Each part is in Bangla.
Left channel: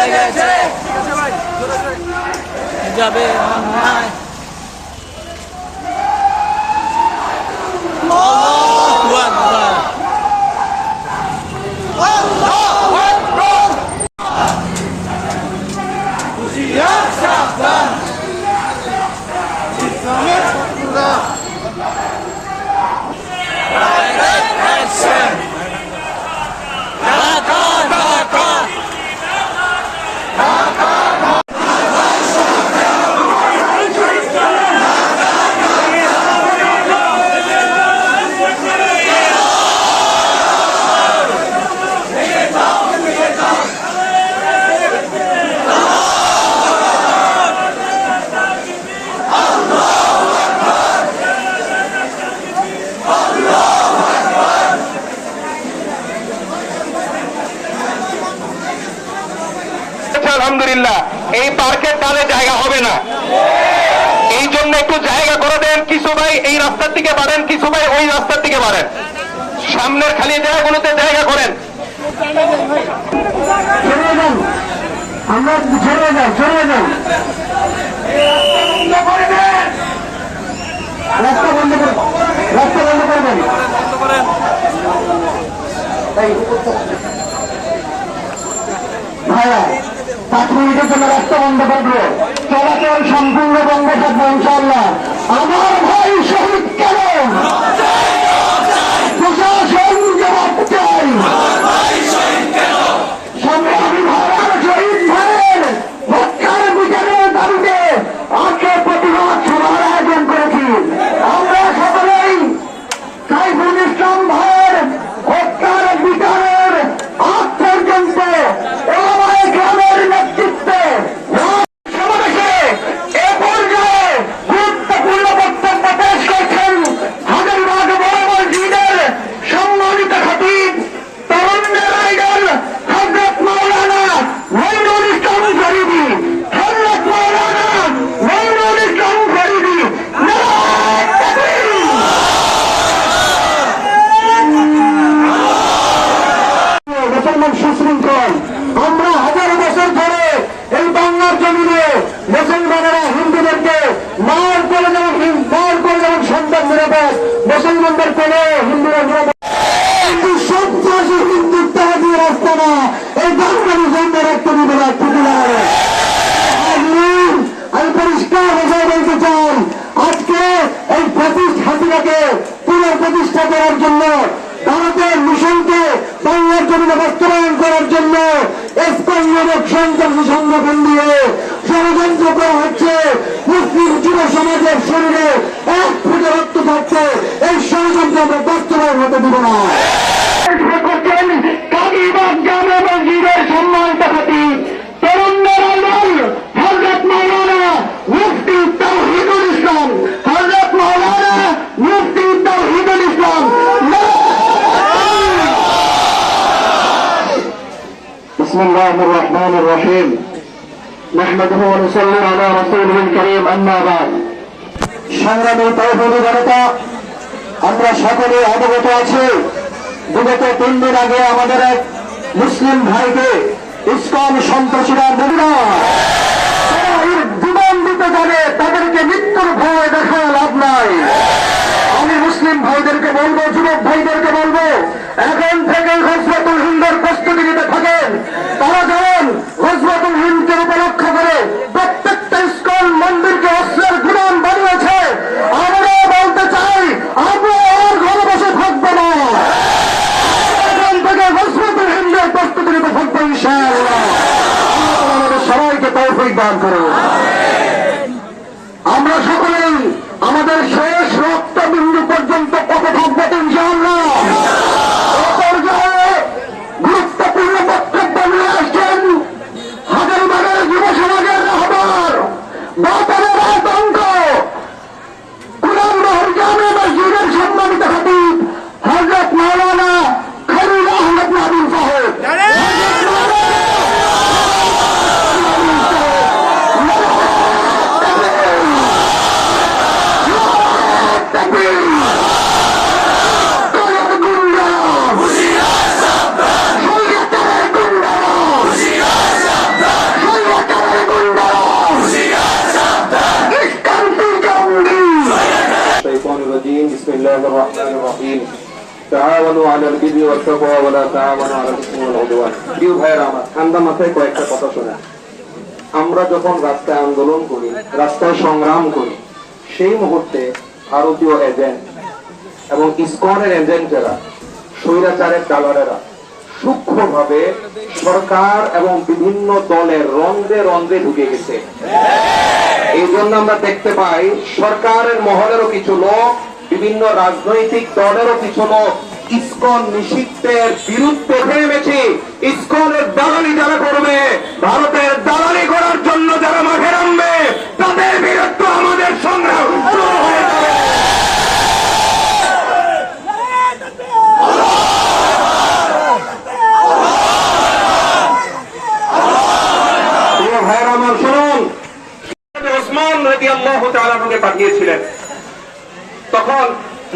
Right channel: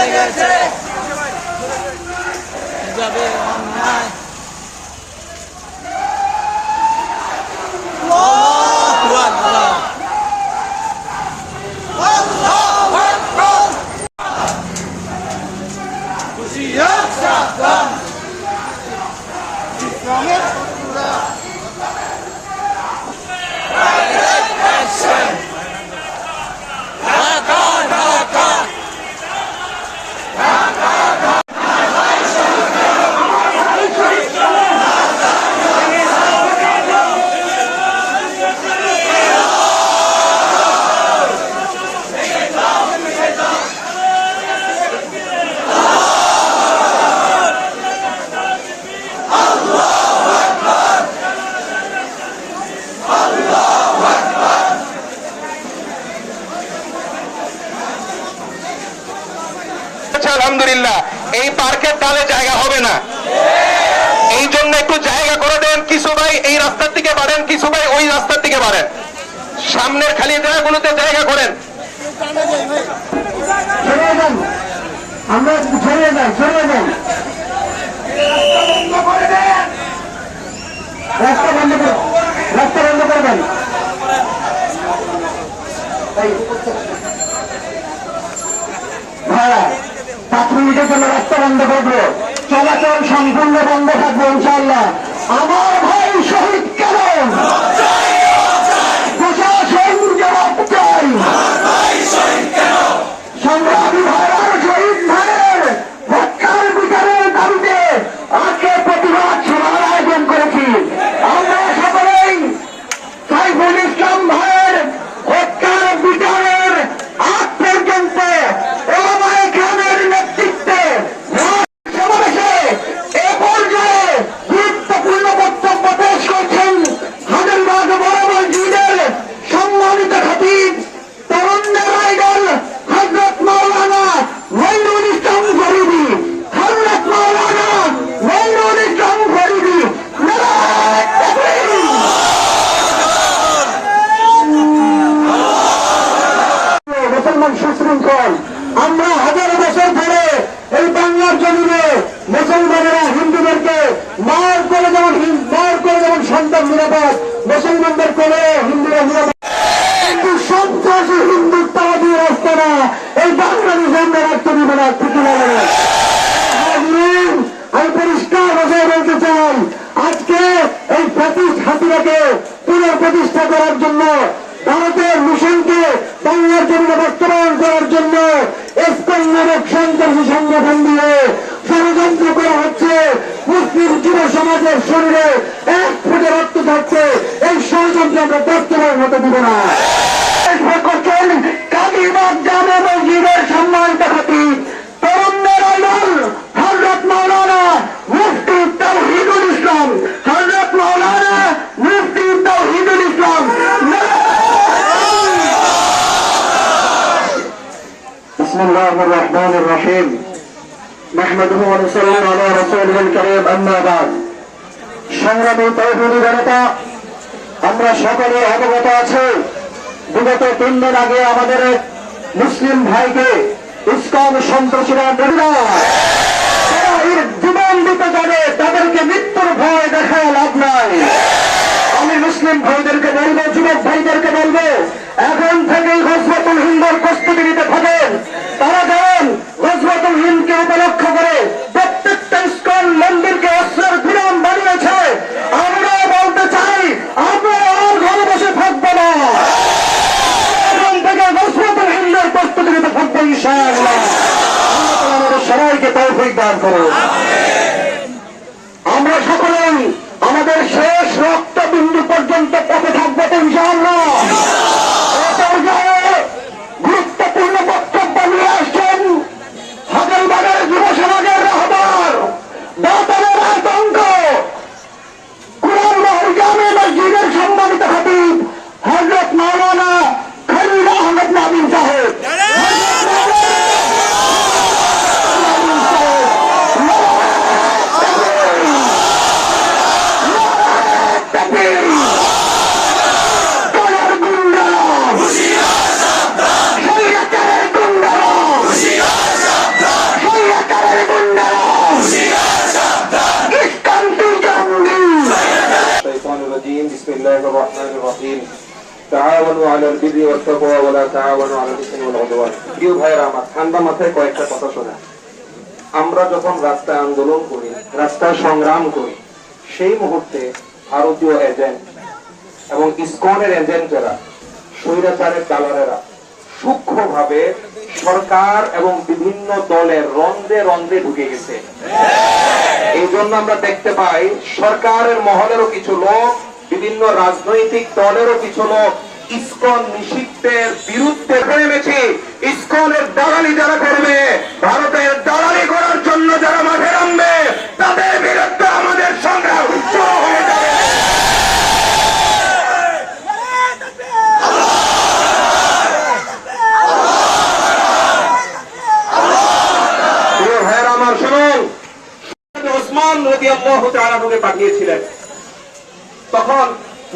লেগেছে যাবে অন্যায়। আল্লাহু আকবার। আল্লাহু আকবার। হুঁশিয়ার সাবধান, ইসলামের শত্রুরা। Direct action. ঢাকা ঢাকা আলহামদুলিল্লাহ এই পার্কের ডালে জায়গা হবে না, এই জন্য একটু জায়গা করে দেন। কিছু ভাই এই রাস্তার দিকে বাড়েন, কিছু ভাই ওই রাস্তার দিকে বাড়েন, সামনের খালি জায়গাগুলোতে জায়গা করেন। আমরা ছড়িয়ে যাই, ছড়িয়ে যাই, রাস্তা বন্ধ করে, রাস্তা বন্ধ করবেন। ভাইয়া 5 মিনিটের জন্য রাস্তা বন্ধ করবো, চলাচল সম্পূর্ণ বন্ধ থাকবে ইনশাআল্লাহ। আমার ভাই শহীদ কেন? প্রশাসন জবাব চাই। সংগ্রামী ভাইয়ার শহীদ ভাইয়ের হত্যার বিচারের দাবিতে আজকে প্রতিবাদ সভার আয়োজন করেছি। আমরা সকলেই সাইফুল ইসলাম ভাইয়ের হত্যার বিচারের আগ পর্যন্ত ওলামায়ে কেরামের নেতৃত্বে সমাবেশে এ পর্যায়ে গুরুত্বপূর্ণ বক্তব্য পেশ করছেন হাজারীবাগ বড় মসজিদের সম্মানিত খতিব তরুণদের আইডল হযরত মাওলানা মঈনুল ইসলাম ফরিদী। হযরত মাওলানা মঈনুল ইসলাম ফরিদী। নারায়ে তাকবীর। মুসলমান সুশৃঙ্খল, আমরা হাজার বছর ধরে এই বাংলার জমিনে মুসলমানেরা হিন্দুদেরকে মার করে যেমন সন্তান নিরাপদ, মুসলমানদের কোলে হিন্দুরা নিরাপদ। কিন্তু সন্ত্রাসী হিন্দুত্ববাদী রাস্তা না, এই বাঙালি জন্মের একটা বিবেলা ঠিকই লাগাবে। আমি পরিষ্কার ভাষায় বলতে চাই, আজকে এই হাসিনাকে পুনঃপ্রতিষ্ঠা করার জন্য, ভারতের মিশনকে বাংলার জমিনে বাস্তবায়ন করার জন্য স্পেনের সন্ত্রাসী সংগঠন দিয়ে ষড়যন্ত্র করা হচ্ছে। মুসলিম যুব সমাজের শরীরে 1 ফুটে রক্ত থাকছে, এই ষড়যন্ত্র আমরা বাস্তবায়ন হতে দিব না। করছেন কাজীবাগ জামে মসজিদের সম্মানিত খতিব তরুণদের আইডল হযরত মাওলানা মুফতি তাওহীদুল ইসলাম। হযরত মাওলানা মুফতি তাওহীদুল ইসলাম। বিসমিল্লাহির রহমানির রহিম। নাহমাদুহু ওয়া নুসাল্লি আলা রাসূলিল কারীম, আম্মা বাদ। সংগ্রামী তাওহীদি জনতা, আমরা সকলে অবগত আছি, বিগত 3 দিন আগে আমাদের এক মুসলিম ভাইকে ইসকন সন্ত্রাসীরা জীবন দিতে জানে, তাদেরকে মৃত্যুর ভয় দেখায় লাভ নাই। আমি মুসলিম ভাইদেরকে বলবো, যুবক ভাইদেরকে বলবো, এখন থেকে গজওয়াতুল হিন্দের প্রস্তুতি নিতে থাকেন। তারা যেমন গজওয়াতুল হিন্দকে উপলক্ষ করে প্রত্যেকটা ইসকন মন্দিরকে অস্ত্রের গুদাম বানিয়েছে, আমরা বলতে চাই আমরা আর ঘরে বসে থাকবো না, এখন থেকে গজওয়াতুল হিন্দের প্রস্তুতি নিতে থাকবো ইনশাআল্লাহ। আমাদের সবাইকে তৌফিক দান করুন। আমরা সকলেই আমাদের শেষ রক্তবিন্দু পর্যন্ত পথে থাকবো তো ইনশাআল্লাহ। এই পর্যায়ে গুরুত্বপূর্ণ বক্তব্য নিয়ে আসছেন হাজারীবাগের যুব সমাজের রাহবার, বাতানের আতঙ্ক, কুরানগর জামে মসজিদের সম্মানিত খতিব হযরত মাওলানা খলিল আহমদ মাহবুব সাহেব। الرجيم بسم الله الرحمن الرحيم تعاونوا على البر والتقوى ولا تعاونوا على الاثم والعدوان প্রিয় ভাইরা আমার ঠান্ডা মাথায় কয়েকটা কথা শোনা আমরা যখন রাস্তায় আন্দোলন করি রাস্তায় সংগ্রাম করি সেই মুহূর্তে ভারতীয় এজেন্ট এবং ইসকনের এজেন্টেরা স্বৈরাচারের দালালেরা সূক্ষ্মভাবে সরকার এবং বিভিন্ন দলের রন্ধে রন্ধে ঢুকে গেছে। এই জন্য আমরা দেখতে পাই সরকারের মহলেরও কিছু লোক বিভিন্ন রাজনৈতিক দলেরও কিছু লোক ইসকন নিষিদ্ধের বিরুদ্ধে নেমেছে। ইসকনের দালালি যারা করবে, ভারতের দালালি করার জন্য যারা মাঠে নামবে, তাদের বিরুদ্ধে আমাদের সংগ্রাম শুরু হয়ে যাবে। ভাইয়েরা আমার শুনুন, ওসমান রাদিয়াল্লাহু তাআলা আমাকে পাঠিয়েছিলেন। তখন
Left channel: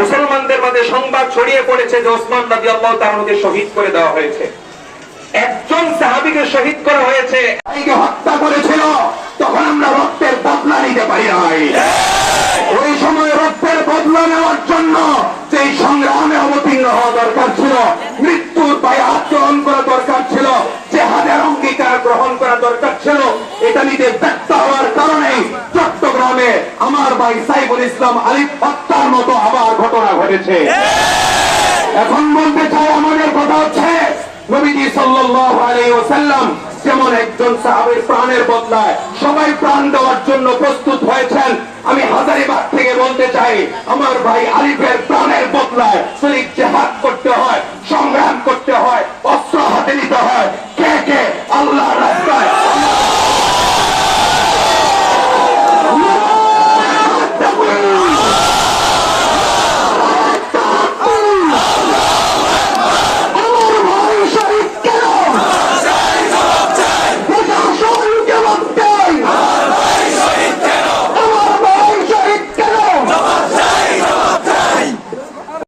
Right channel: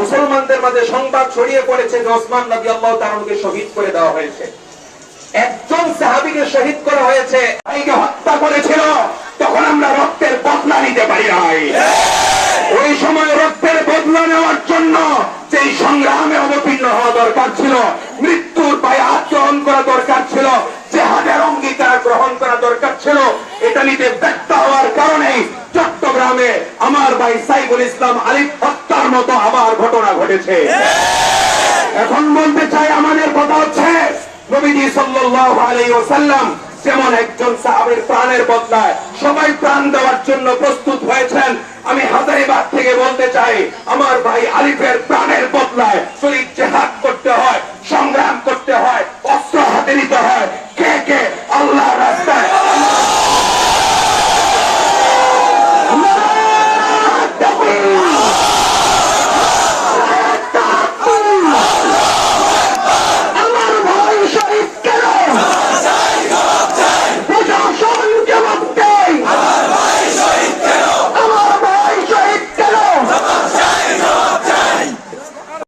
মুসলমানদের মাঝে সংবাদ ছড়িয়ে পড়েছে যে ওসমান রাদিয়াল্লাহু তাআলাকে শহীদ করে দেওয়া হয়েছে। একজন সাহাবীকে শহীদ করা হয়েছে, ভাইকে হত্যা করেছিল। তখন আমরা রক্তের বদলা নিতে পারি নাই। ওই সময় রক্তের বদলা নেওয়ার জন্য যেই সংগ্রামে অবতীর্ণ হওয়া দরকার ছিল, মৃত্যুর বায়াত গ্রহণ করা দরকার ছিল, জিহাদের অঙ্গীকার গ্রহণ করা দরকার ছিল, এটা নিতে ব্যর্থ হওয়ার কারণেই চট্টগ্রামে আমার ভাই সাইফুল ইসলাম আলিফ হত্যার মতো আবার ঘটনা ঘটেছে। এখন বলতে চাই, আমাদের কথা হচ্ছে নবীজি সাল্লাল্লাহু আলাইহি ওয়াসাল্লাম যেমন একজন সাহাবীর প্রাণের বদলায় সবাই প্রাণ দেওয়ার জন্য প্রস্তুত হয়েছেন, আমি হাজারীবাগ থেকে বলতে চাই আমার ভাই আলিফের প্রাণের বদলায় যদি জিহাদ করতে হয়